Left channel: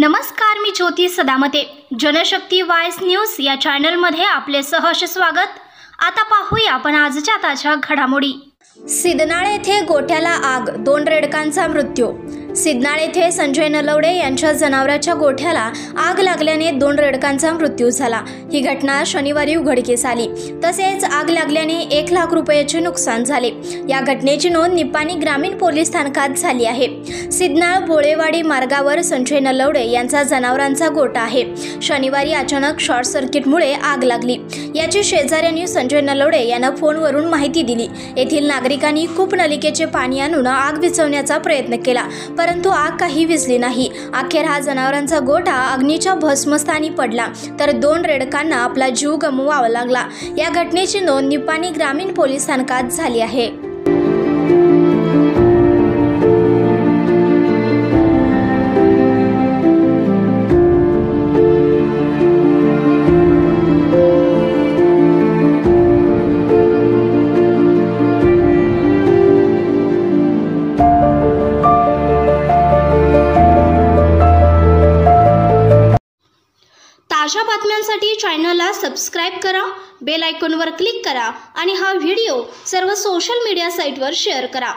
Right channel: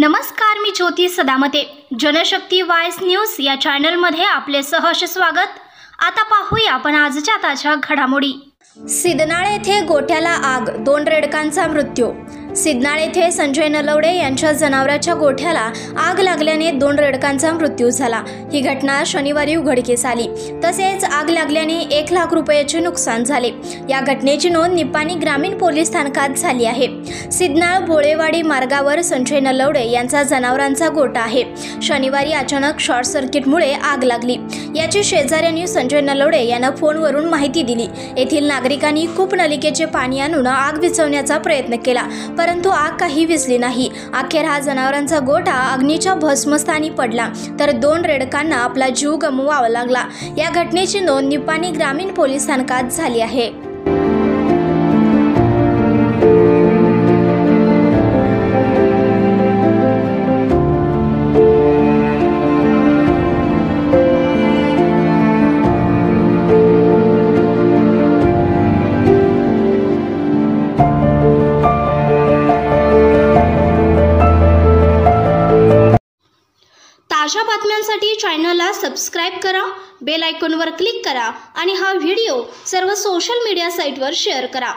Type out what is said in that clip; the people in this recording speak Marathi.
नमस्कार, मी ज्योती सदामते. जनशक्ती वॉइस न्यूज या चॅनलमध्ये आपले सहर्ष स्वागत. आता पाहूया आपण आजच्या ताज्या घडामोडी. सिद्धनाळ येथे गोठ्याला आग, 2 रेडकांचा मृत्यू. सिद्धनाळ येथे संजय नलवडे यांच्या जनावराच्या गोठ्याला आग लागल्याने 2 रेडकांचा मृत्यू झाला. ही घटना शनिवारी उघडकीस आली. तसेच आग लागल्याने 1 लाख रुपयाचे नुकसान झाले. या घटनेची नोंद निपाणी ग्रामीण पोलीस स्थानकात झाली आहे. सिद्धनाळ भोळेवाडी मार्गावर संजय नलवडे यांचा जनावरांचा गोठा आहे. शनिवारी अचानक शॉर्ट सर्किटमुळे आग लागली. याची शेजाऱ्यांनी संजय नलवडे यांना फोनवरून माहिती दिली. येथील नागरिकांनी कूपनलिकेचे पाणी आणून आग विझवण्याचा प्रयत्न केला, परंतु आग काही विझली नाही. अखेर हा जनावरांचा गोठा अग्नीच्या भस्मस्थानी पडला, तर 2 रेडकांना आपला जीव गमवावा लागला. या घटनेची नोंद निपाणी ग्रामीण पोलीस स्थानकात झाली आहे. ताज्या बातम्यांसाठी चॅनलला सबस्क्राइब करा, बेल आयकॉनवर क्लिक करा आणि हा व्हिडिओ सर्व सोशल मीडिया साइटवर शेअर करा.